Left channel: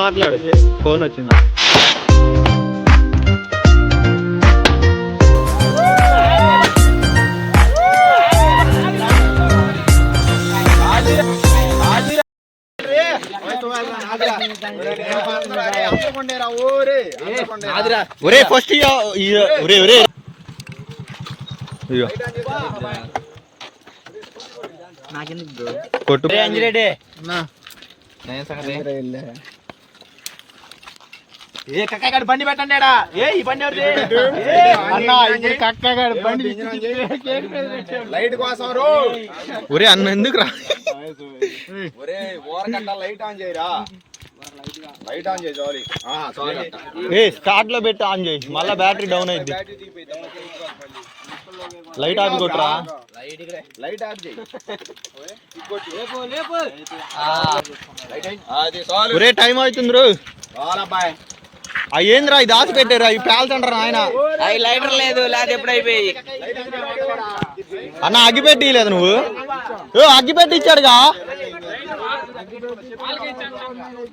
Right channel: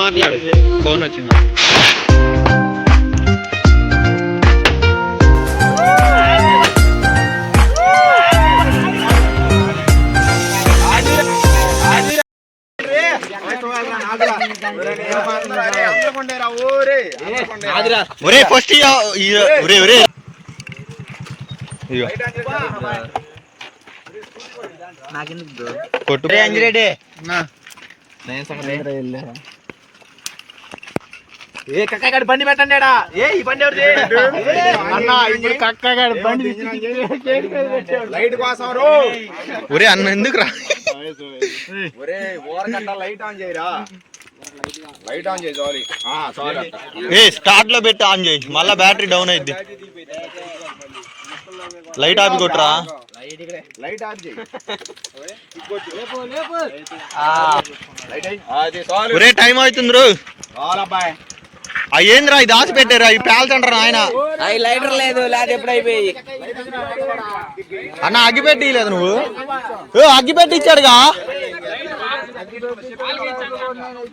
మాట్లాడు, ఫోన్ వచ్చింది. ఒరే ఫస్ట్ ఒరే ఒరే కొట్టు అంజిరెడ్డి కక్కగాడి బండి పెట్టండి. ఈ బండి కక్కగాడి బండి లైట్ కోసం ఒరే అన్న ఎందుకు రా లైట్ ఆన్ చేయరా, లైట్ ఆన్ చేయి. ఏ స్టార్ట్ లో పెట్టి ఆన్ చేయి, మళ్ళా బ్యాటరీ డౌన్ అయింది. లైట్ ఆపి కొట్టరా, లైట్ ఆఫ్ చేయి. ఒరే టైం అవుతుంది రో. ఏంద్రా ఇది దాచి పెట్టారా, ఈ పేల్చంటారా ఆయన. లైటర్ లేదు, లేదా ఎప్పుడు అయిపోయి అన్న అగ్గిపెట్టి లేదు నువ్వు. అగ్గిపెట్టి ఇచ్చాడుగా,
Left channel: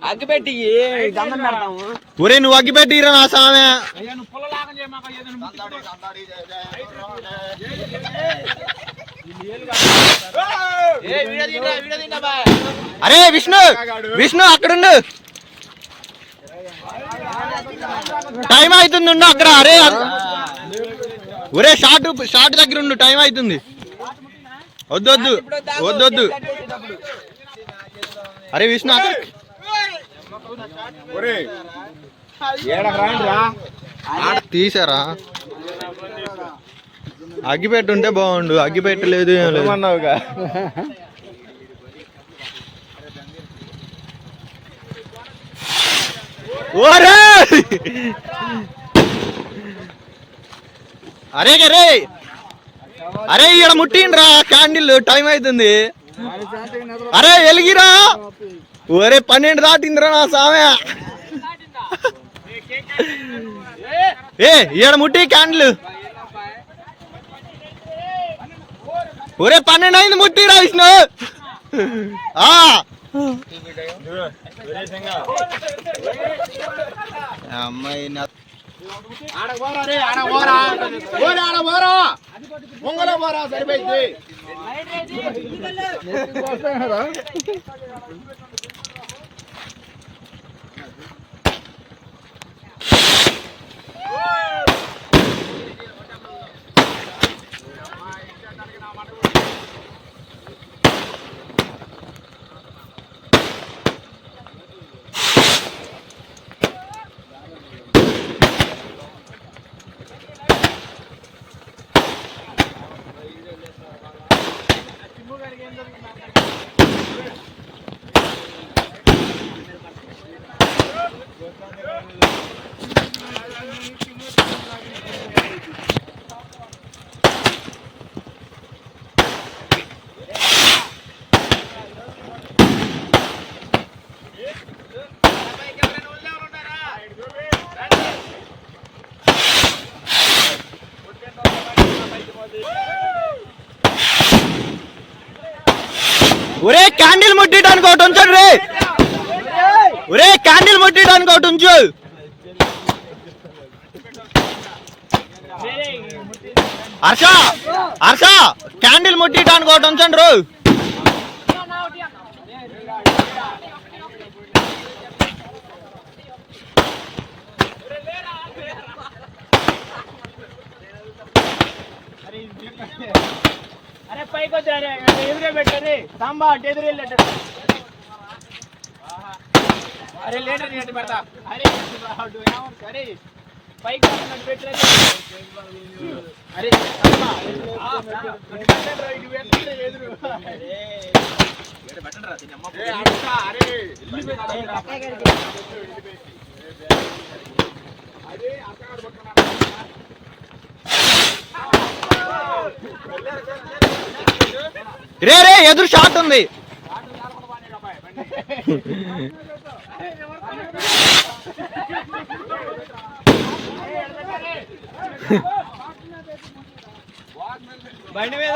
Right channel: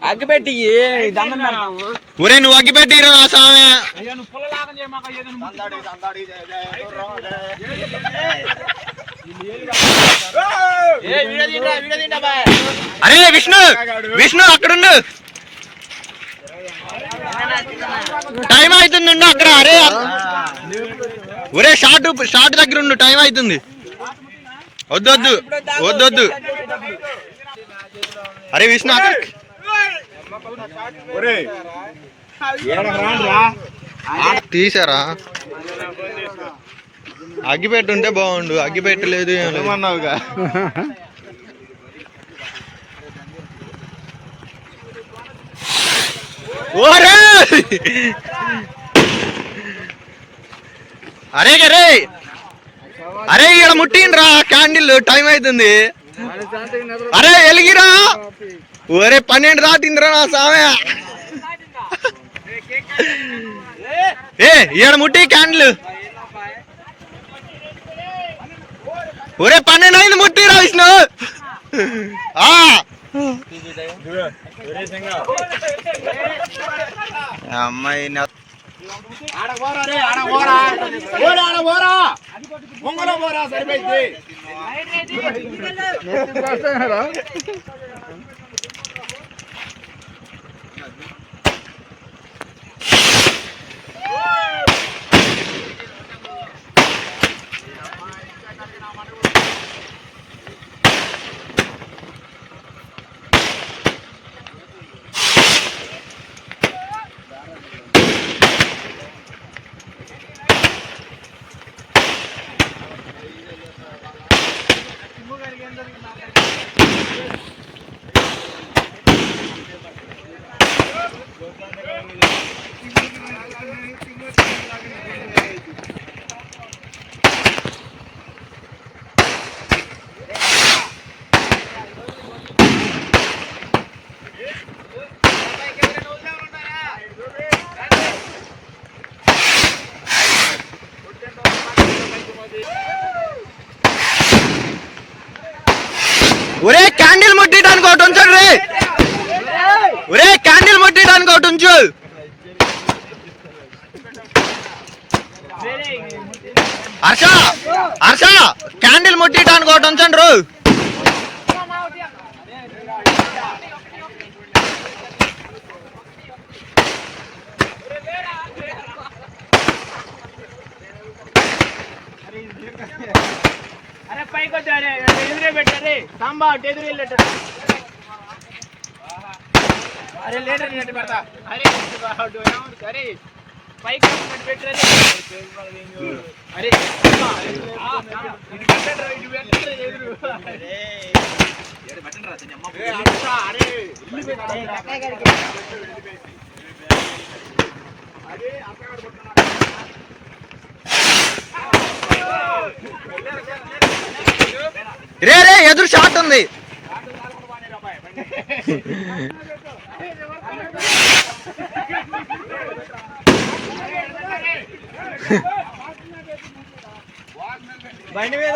అగ్గిపెట్టి దండం పెడతాము. ఒరే నువ్వు అగ్గిపెట్టి నా సామె. అరే విష్ణు విష్ణు అక్కడుండు, టైం అవుతుంది అక్కడ. అరే ఒరే షార్ట్ దగ్గర ఉండు, టైం అవుతుంది. వద్దొద్దు వద్దొద్దు. అరే విష్ణు అక్కడ తీసారా, అగ్గిపెట్టి ఉంటే బాగుండు, అగ్గిపెట్టి లేదు ఏం లేదు అన్నావుగా. ఓరే అరే గరే అరే ఇక్కడ ముట్టిండ్రా క్యాండిల్, టైం అవుతుంది. అరే ఎలిగిరా. ఒరే 12 దాటిందిరా నా సామె. ఏ ఈడ ముట్టి క్యాండిల్. ఒరే 12 అయింది, ముట్టిరా విష్ణు. అమ్మాయి సరిపోయింది. ఒరే క్యాండిల్ ముట్టిడానికి ఒకటి ఉంచండి రే. ఒరే క్యాండిల్ ముట్టిడానికి ఒకటి ఉంచు. హర్ష హర్ష క్యాండిల్ ముట్టిడానికి ఒకటి ఉంచండి రో. అరే పైకి వచ్చారే, ఎదురే పెట్టారే సాంబా ఎదురే లెటర్. అరే లేటర్ నెట్ పెడతా. అరే అరే పైకి పెట్టారే. అరే ఎదురు పెట్టండి రా అమ్మ. అరే ఇల్లు పెట్టారు. అరే అక్కడ పడుతున్నా. రే రే ఎదురు షాట్ ఉంది. బండి మీద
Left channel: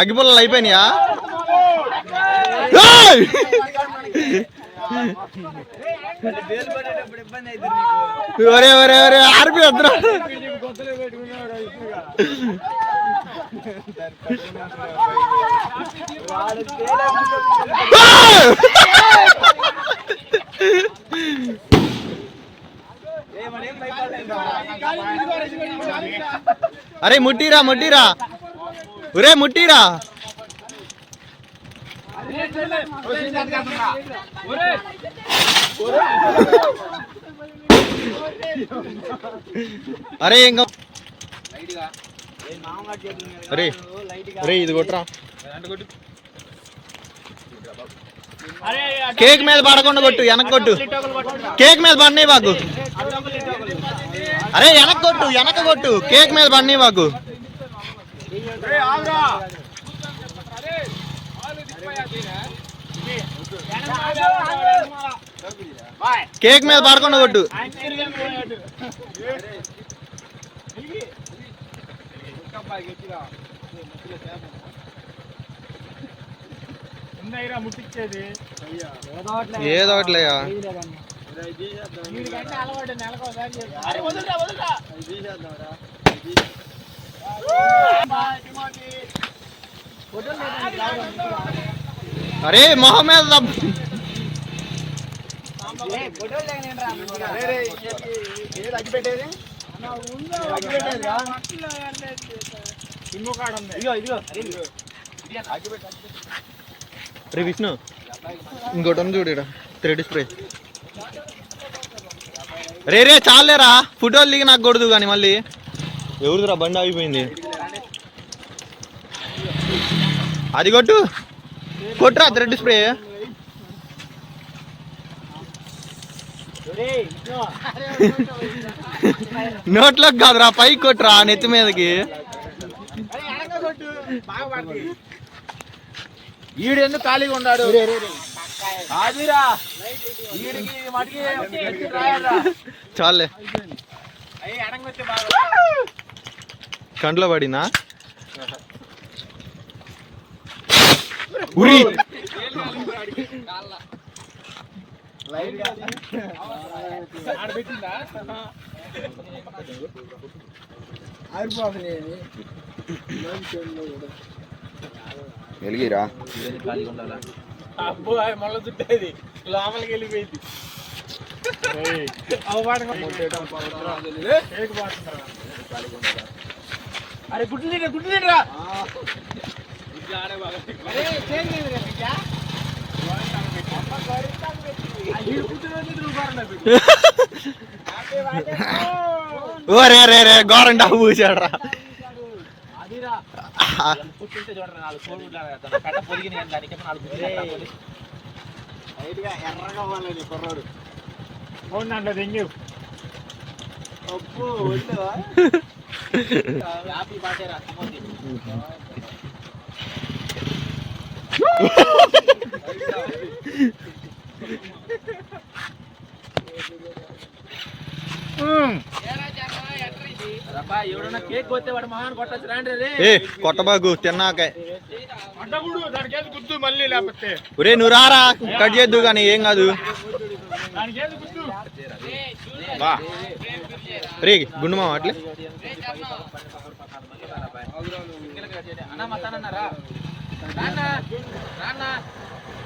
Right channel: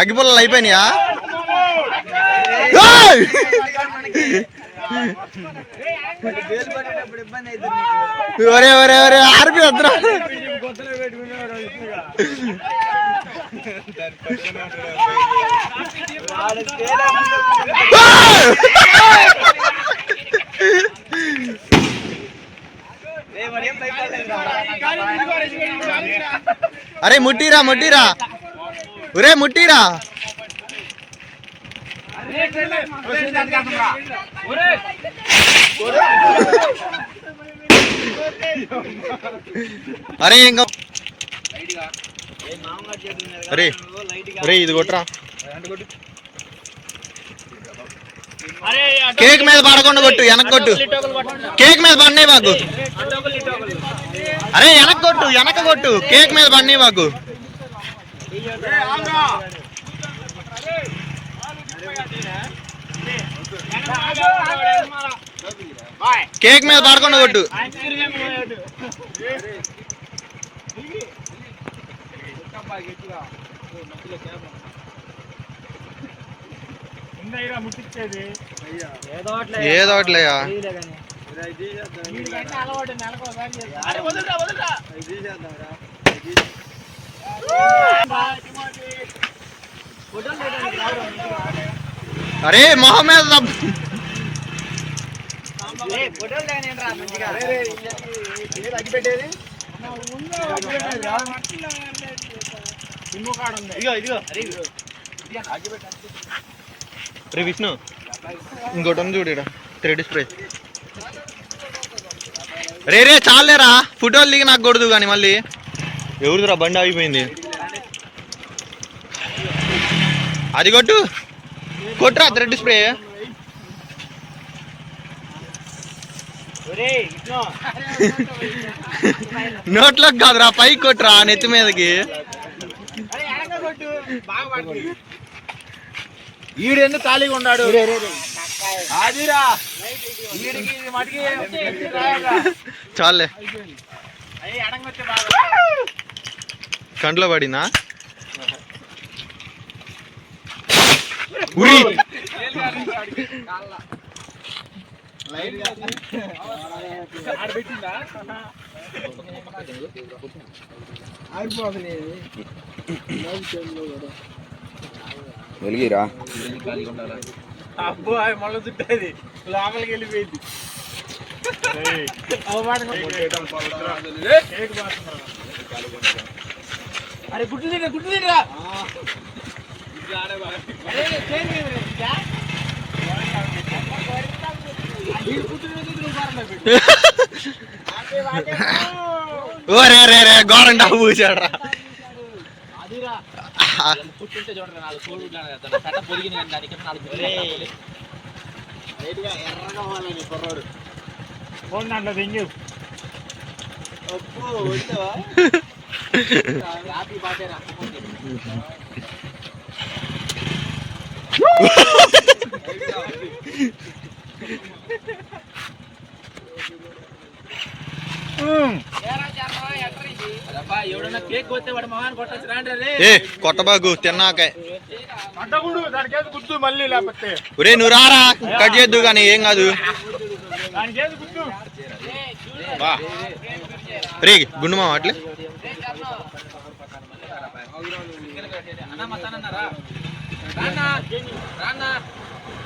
అగ్గిపుల్లలు అయిపోయినాయా? ఒరే ఒరే ఒరే ఆర్పి వద్దురా. అరే ముట్టిరా ముట్టిరా, ఒరే ముట్టిరా. అరే ఇంకా అరే ఒరే ఇది కొట్టరా. కేక్ మీద పడకుండా కొట్టు, వెనక్కి కొట్టు. కేక్ మీద పడినాయి బాకు. అరే వెనక్కి కొట్టు, వెనక కొట్టు. కేక్ మీద పడినాయి బాకు. కేక్ మీద పడకుండా కొట్టు. ఏదో ఒకట్లేయా. అరే మొహం మీద విష్ణు ఇంకోటి చూడు థ్రెడ్ స్ప్రే. రే రే చాలేరా, ఫోటోలు దిగి నాకు కొడదు కానీ మళ్ళీ. ఎవరిదిరా బండి ఆగిపోయింది. అది కొట్టు, కొట్టురా థ్రెడ్ స్ప్రే. నోట్లోకి కాదురా, పైకి కొట్టురా నెత్తి మీదకి. ఈడెందుకు ఖాళీగా ఉన్నాడు? చాలే కంట్లో పడినా ఉరి. వెలిగిరా అబ్బో మళ్ళీ చుట్టేది లోపలికి వెళ్ళిపోయింది. అరే గుడ్లు తింటా, గుడ్లు తింటరా. ఓరే రే రే గోరండా పూసాడరా. దాంట్లో తెంగు ఎవడన్నా కేక్ కొట్టే వాడు మహాన్ కొట్టచ్చు రాండి. ఏ కొట్టబాగు తిన్నాక గుర్తు మళ్ళీ లేకపోతే ఒరే నువ్వు రారా, కట్ చేద్దు కానీ ఏం కాదు. రే గుండు మామ అట్లే.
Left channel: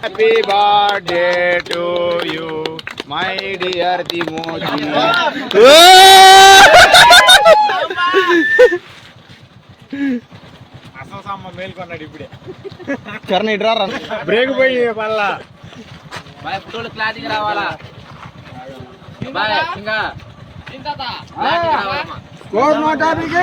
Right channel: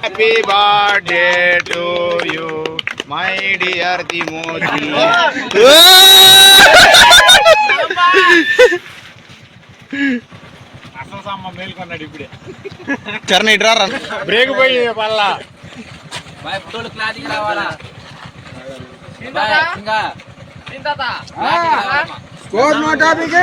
Happy birthday to you my dear Timothy. అసలు మేల్కొన్నాడు ఇప్పుడే. చరణ్ ఇటు రా, బ్రేక్ పోయి మళ్ళా ఫోటోలు క్లారిటీగా రావాలా. ఇంకా స్కోర్ నో టాపిక్.